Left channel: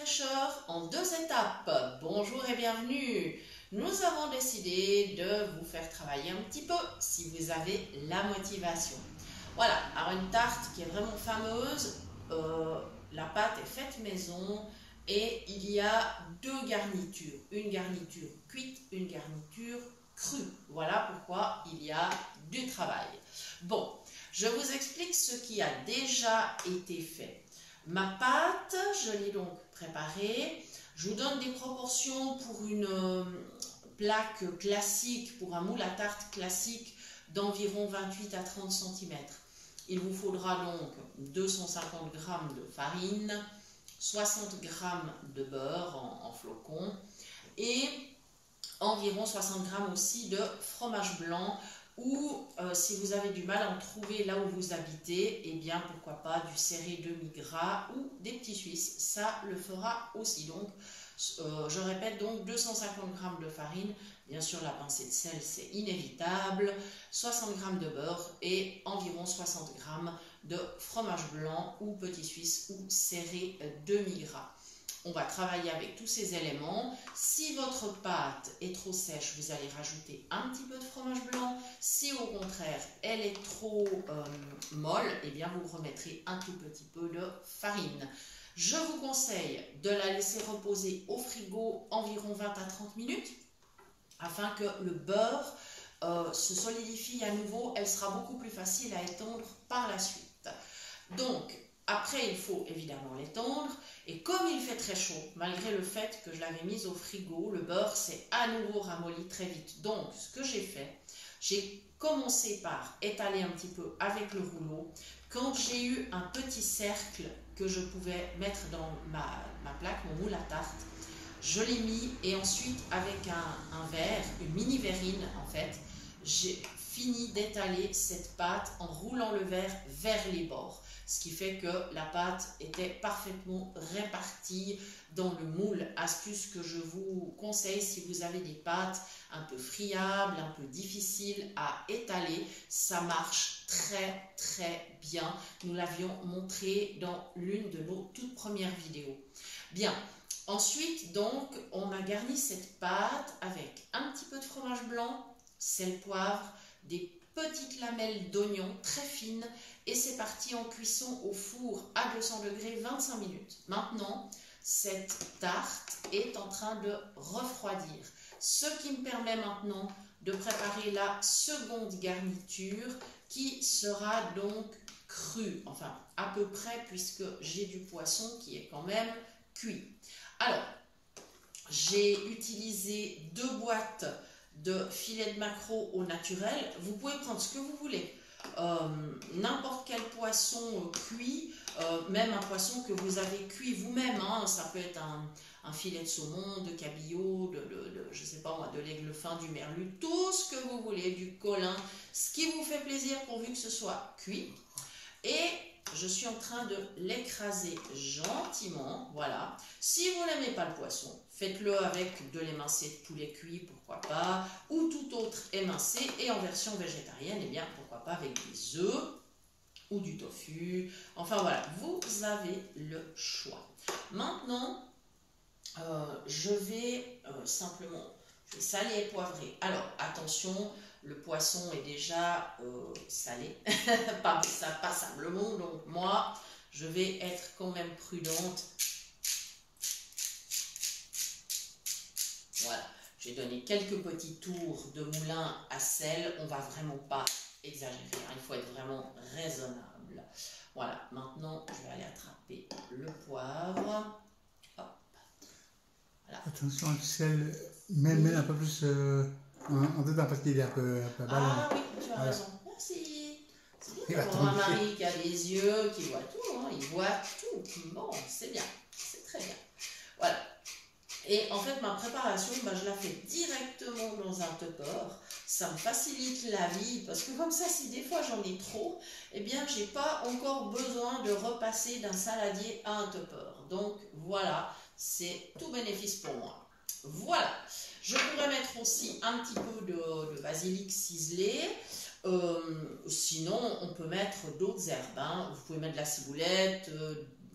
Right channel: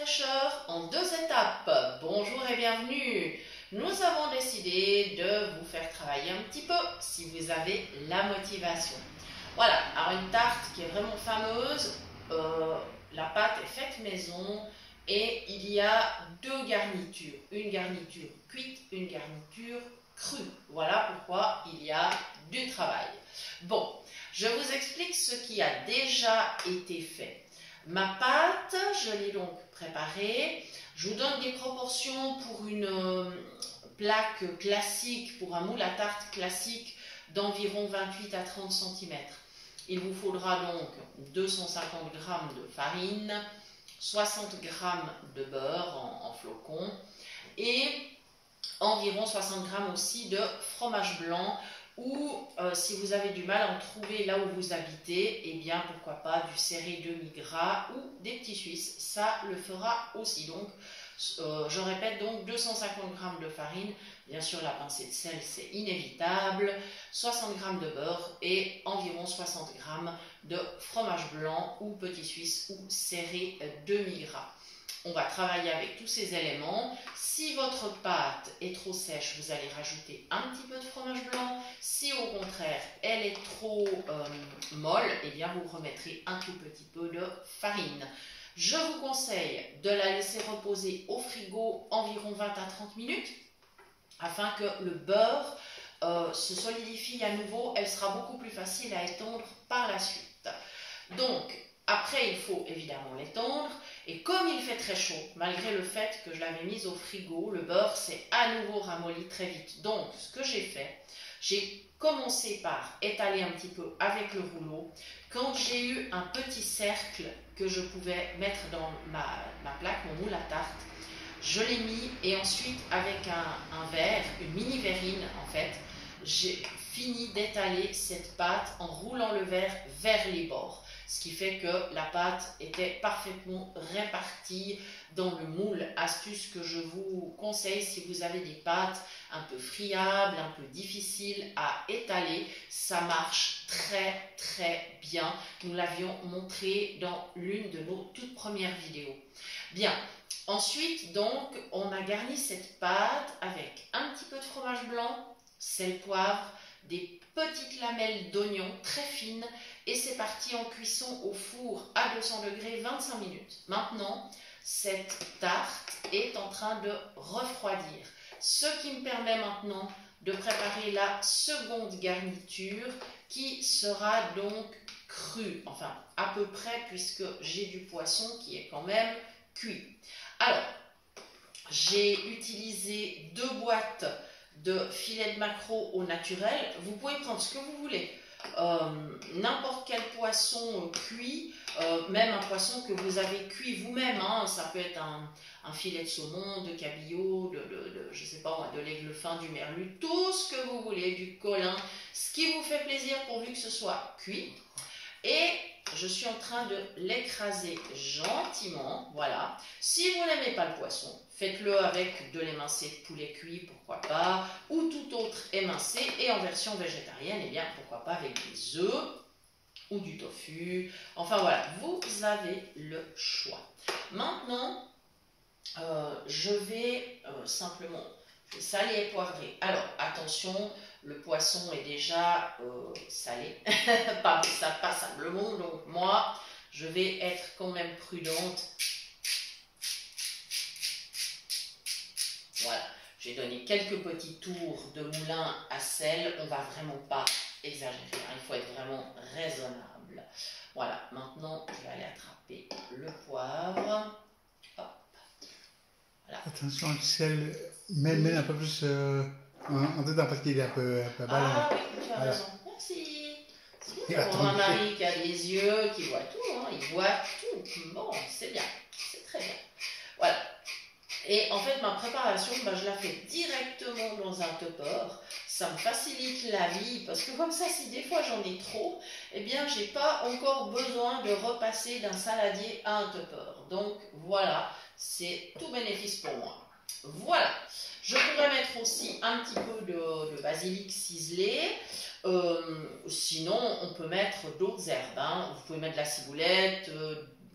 fraîcheur en 2 étapes. Bonjour et bienvenue. Nous avons décidé de vous faire travailler un petit peu si vous avez la motivation. Voilà, alors une tarte qui est vraiment fameuse. La pâte est faite maison et il y a 2 garnitures. Une garniture cuite, une garniture crue. Voilà pourquoi il y a du travail. Bon, je vous explique ce qui a déjà été fait. Ma pâte, je l'ai donc préparée. Je vous donne des proportions pour une plaque classique, pour un moule à tarte classique d'environ 28 à 30 cm. Il vous faudra donc 250 g de farine, 60 g de beurre en flocons et environ 60 g aussi de fromage blanc ou si vous avez du mal à en trouver là où vous habitez, eh bien pourquoi pas du serré demi-gras ou des petits suisses, ça le fera aussi. Donc je répète, donc 250 g de farine, bien sûr la pincée de sel c'est inévitable, 60 g de beurre et environ 60 g de fromage blanc ou petit suisse ou serré demi-gras. On va travailler avec tous ces éléments. Si votre pâte est trop sèche, vous allez rajouter un petit peu de fromage blanc. Si au contraire, elle est trop molle, eh bien vous remettrez un tout petit peu de farine. Je vous conseille de la laisser reposer au frigo environ 20 à 30 minutes afin que le beurre se solidifie à nouveau. Elle sera beaucoup plus facile à étendre par la suite. Donc, après, il faut évidemment l'étendre. Et comme il fait très chaud, malgré le fait que je l'avais mise au frigo, le beurre s'est à nouveau ramolli très vite. Donc, ce que j'ai fait, j'ai commencé par étaler un petit peu avec le rouleau. Quand j'ai eu un petit cercle que je pouvais mettre dans ma plaque, mon moule à tarte, je l'ai mis et ensuite avec un verre, une mini verrine en fait, j'ai fini d'étaler cette pâte en roulant le verre vers les bords. Ce qui fait que la pâte était parfaitement répartie dans le moule. Astuce que je vous conseille si vous avez des pâtes un peu friables, un peu difficiles à étaler. Ça marche très très bien. Nous l'avions montré dans l'une de nos toutes premières vidéos. Bien, ensuite donc on a garni cette pâte avec un petit peu de fromage blanc, sel, poivre, des petites lamelles d'oignon très fines et c'est parti en cuisson au four à 200 degrés 25 minutes. Maintenant, cette tarte est en train de refroidir, ce qui me permet maintenant de préparer la seconde garniture qui sera donc crue, enfin à peu près puisque j'ai du poisson qui est quand même cuit. Alors, j'ai utilisé 2 boîtes de filets de maquereau au naturel. Vous pouvez prendre ce que vous voulez, n'importe quel poisson cuit, même un poisson que vous avez cuit vous-même, hein. Ça peut être un filet de saumon, de cabillaud, je sais pas moi, de l'aigle fin, du merlu, tout ce que vous voulez, du colin, ce qui vous fait plaisir pourvu que ce soit cuit. Et je suis en train de l'écraser gentiment, voilà. Si vous n'aimez pas le poisson, faites-le avec de l'émincé de poulet cuit, pourquoi pas, ou tout autre émincé, et en version végétarienne, eh bien, pourquoi pas avec des œufs ou du tofu. Enfin voilà, vous avez le choix. Maintenant, je vais simplement saler et poivrer. Alors, attention, le poisson est déjà salé, pas passablement, donc moi, je vais être quand même prudente. Voilà, j'ai donné quelques petits tours de moulin à sel, on va vraiment pas exagérer, hein, il faut être vraiment raisonnable. Voilà, maintenant, je vais aller attraper le poivre. Hop. Voilà. Attention, le sel, mets un peu plus en dedans parce qu'il est un peu ballon. Ah oui, tu as raison. Merci. C'est bien d'avoir un mari qui a des yeux, qui voit tout, hein. Il voit tout. Bon, c'est bien, c'est très bien. Voilà. Et en fait, ma préparation, je la fais directement dans un tupper. Ça me facilite la vie parce que comme ça, si des fois j'en ai trop, eh bien, j'ai pas encore besoin de repasser d'un saladier à un tupper. Donc voilà, c'est tout bénéfice pour moi. Voilà. Je pourrais mettre aussi un petit peu de basilic ciselé. Sinon, on peut mettre d'autres herbes, hein. Vous pouvez mettre de la ciboulette,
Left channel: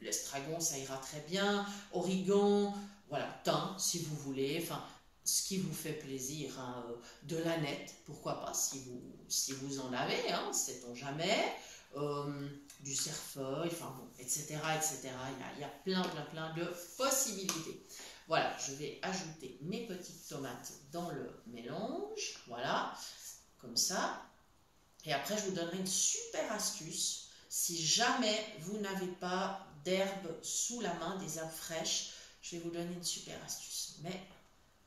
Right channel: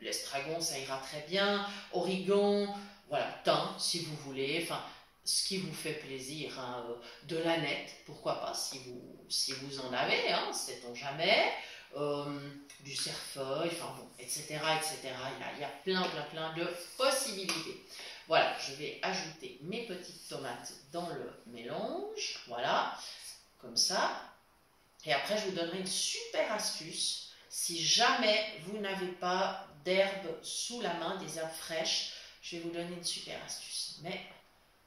l'estragon, ça ira très bien, origan, voilà, thym, si vous voulez, enfin, ce qui vous fait plaisir, hein, de l'aneth, pourquoi pas, si vous en avez, hein, sait-on jamais, du cerfeuil, enfin bon, etc., etc. Il y a plein de possibilités. Voilà, je vais ajouter mes petites tomates dans le mélange, voilà, comme ça. Et après, je vous donnerai une super astuce. Si jamais vous n'avez pas d'herbes sous la main, des herbes fraîches, je vais vous donner une super astuce. Mais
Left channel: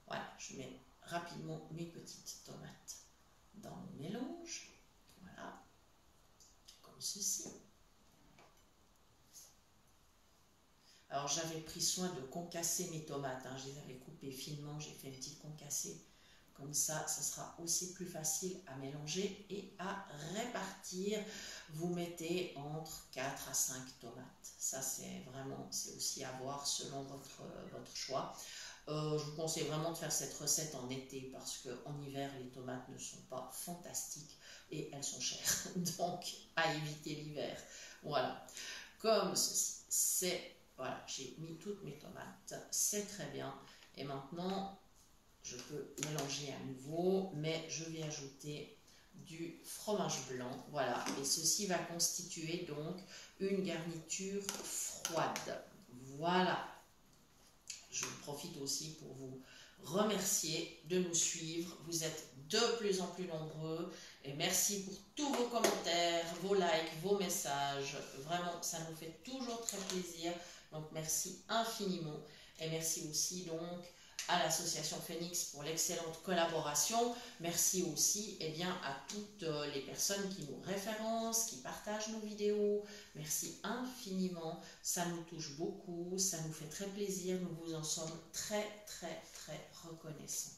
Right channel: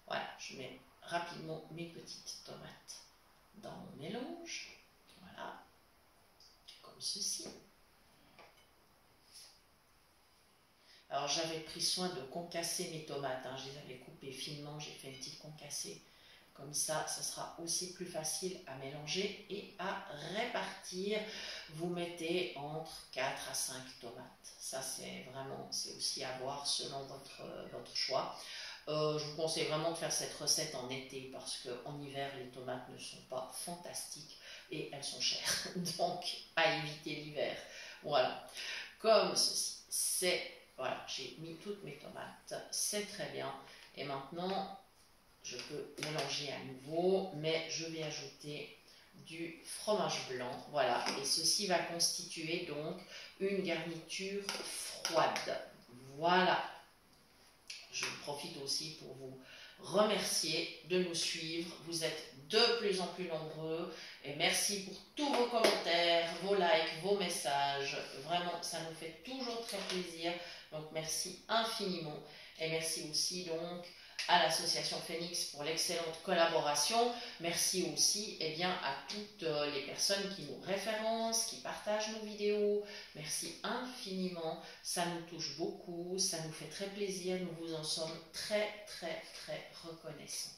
voilà, je mets rapidement mes petites tomates dans mon mélange. Voilà, comme ceci. Alors, j'avais pris soin de concasser mes tomates. Hein. Je les avais coupées finement. J'ai fait une petite concassée. Comme ça, ce sera aussi plus facile à mélanger et à répartir. Vous mettez entre 4 à 5 tomates. Ça, c'est aussi à voir selon votre choix. Je vous conseille vraiment de faire cette recette en été parce qu'en hiver, les tomates ne sont pas fantastiques et elles sont chères. Donc, à éviter l'hiver. Voilà. Comme ceci, voilà, j'ai mis toutes mes tomates. C'est très bien. Et maintenant, je peux mélanger à nouveau, mais je vais ajouter du fromage blanc. Voilà, et ceci va constituer donc une garniture froide. Voilà. Je profite aussi pour vous remercier de nous suivre. Vous êtes de plus en plus nombreux et merci pour tous vos commentaires, vos likes, vos messages. Vraiment, ça nous fait toujours très plaisir. Donc, merci infiniment. Et merci aussi donc à l'association Phoenix pour l'excellente collaboration. Merci aussi à toutes les personnes qui nous référencent, qui partagent nos vidéos. Merci infiniment, ça nous touche beaucoup, ça nous fait très plaisir, nous vous en sommes très reconnaissants.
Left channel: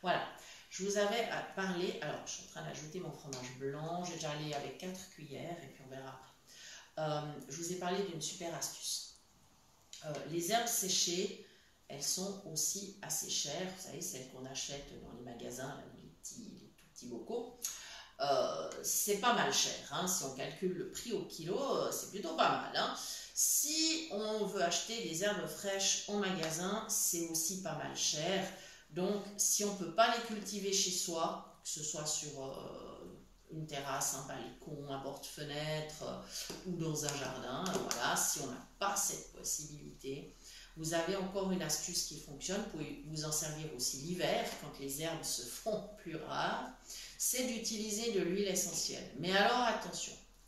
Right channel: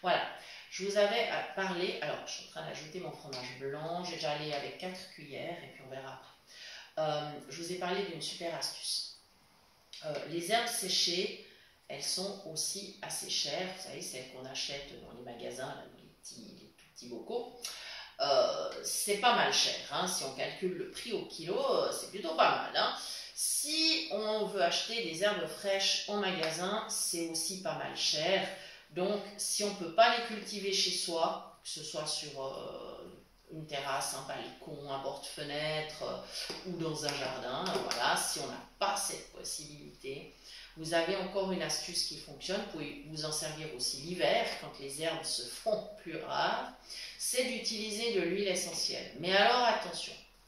Voilà, je vous avais parlé, alors je suis en train d'ajouter mon fromage blanc, j'ai déjà allé avec 4 cuillères et puis on verra après. Je vous ai parlé d'une super astuce. Les herbes séchées, elles sont aussi assez chères, vous savez, celles qu'on achète dans les magasins, là, dans les tout petits bocaux. C'est pas mal cher, hein. Si on calcule le prix au kilo, c'est plutôt pas mal. Hein. Si on veut acheter des herbes fraîches en magasin, c'est aussi pas mal cher. Donc, si on ne peut pas les cultiver chez soi, que ce soit sur une terrasse, un balcon, un porte-fenêtre ou dans un jardin, voilà, si on n'a pas cette possibilité, vous avez encore une astuce qui fonctionne, vous pouvez vous en servir aussi l'hiver, quand les herbes se font plus rares, c'est d'utiliser de l'huile essentielle. Mais alors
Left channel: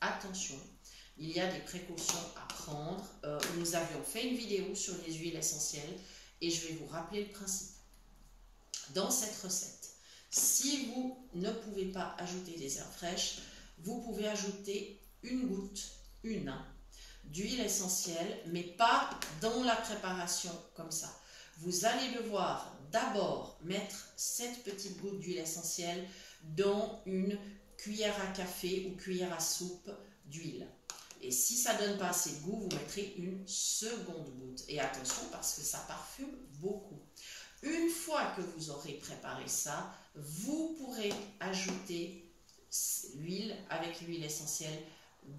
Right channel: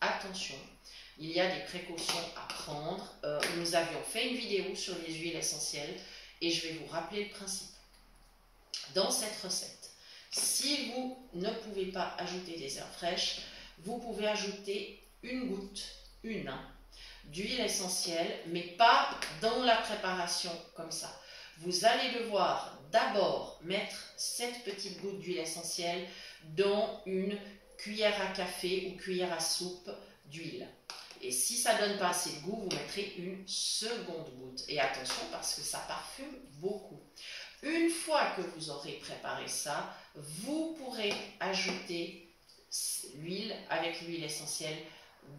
attention, il y a des précautions à prendre. Nous avions fait une vidéo sur les huiles essentielles et je vais vous rappeler le principe. Dans cette recette, si vous ne pouvez pas ajouter des herbes fraîches, vous pouvez ajouter une goutte, d'huile essentielle, mais pas dans la préparation comme ça. Vous allez devoir d'abord mettre cette petite goutte d'huile essentielle dans une cuillère à café ou cuillère à soupe d'huile. Et si ça ne donne pas assez de goût, vous mettrez une seconde goutte. Et attention parce que ça parfume beaucoup. Une fois que vous aurez préparé ça, vous pourrez ajouter l'huile avec l'huile essentielle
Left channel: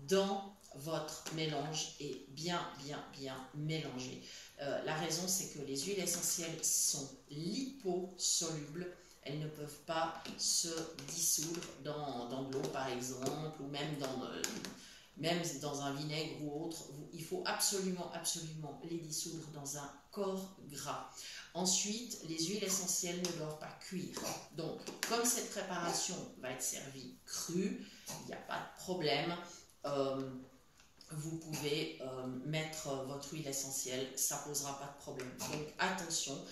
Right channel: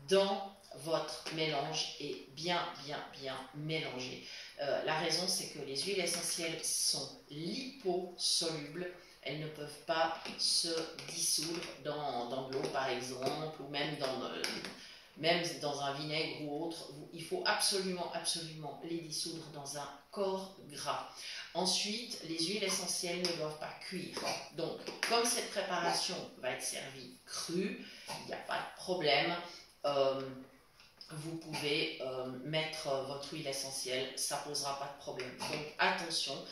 dans votre mélange et bien mélanger. La raison, c'est que les huiles essentielles sont liposolubles. Elles ne peuvent pas se dissoudre dans de l'eau, par exemple, ou même dans un vinaigre ou autre. Il faut absolument les dissoudre dans un corps gras. Ensuite, les huiles essentielles ne doivent pas cuire. Donc, comme cette préparation va être servie crue, il n'y a pas de problème. Vous pouvez mettre votre huile essentielle, ça ne posera pas de problème. Donc attention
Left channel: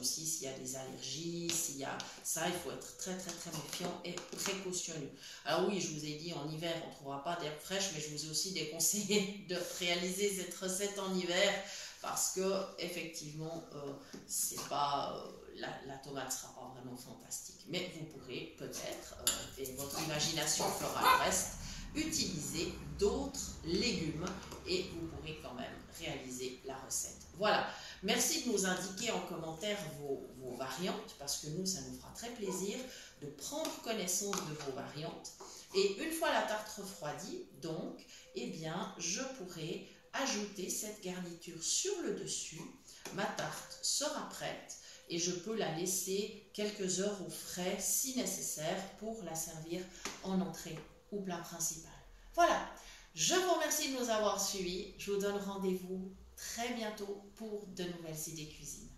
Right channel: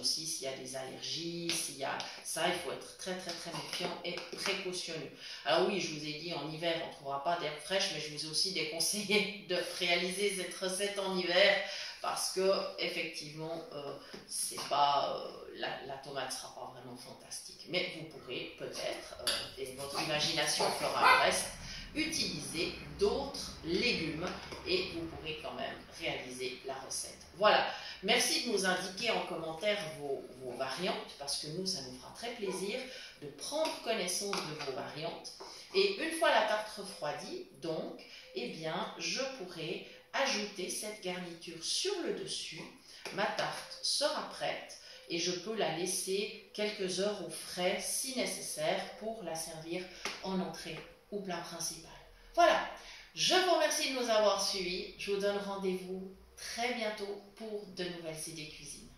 aussi s'il y a des allergies, s'il y a ça, il faut être très méfiant et précautionneux. Alors oui, je vous ai dit en hiver on ne trouvera pas d'herbes fraîches, mais je vous ai aussi déconseillé de réaliser cette recette en hiver parce que effectivement c'est pas la tomate ne sera pas vraiment fantastique. Mais vous pourrez peut-être, et votre imagination fera le reste, utiliser d'autres légumes et vous pourrez quand même réaliser la recette. Voilà, merci de nous indiquer en commentaire vos variantes parce que nous, ça nous fera très plaisir de prendre connaissance de vos variantes. Et une fois la tarte refroidie, donc, je pourrai ajouter cette garniture sur le dessus. Ma tarte sera prête et je peux la laisser quelques heures au frais si nécessaire pour la servir en entrée ou plat principal. Voilà, je vous remercie de nous avoir suivis. Je vous donne rendez-vous très bientôt pour de nouvelles idées cuisine.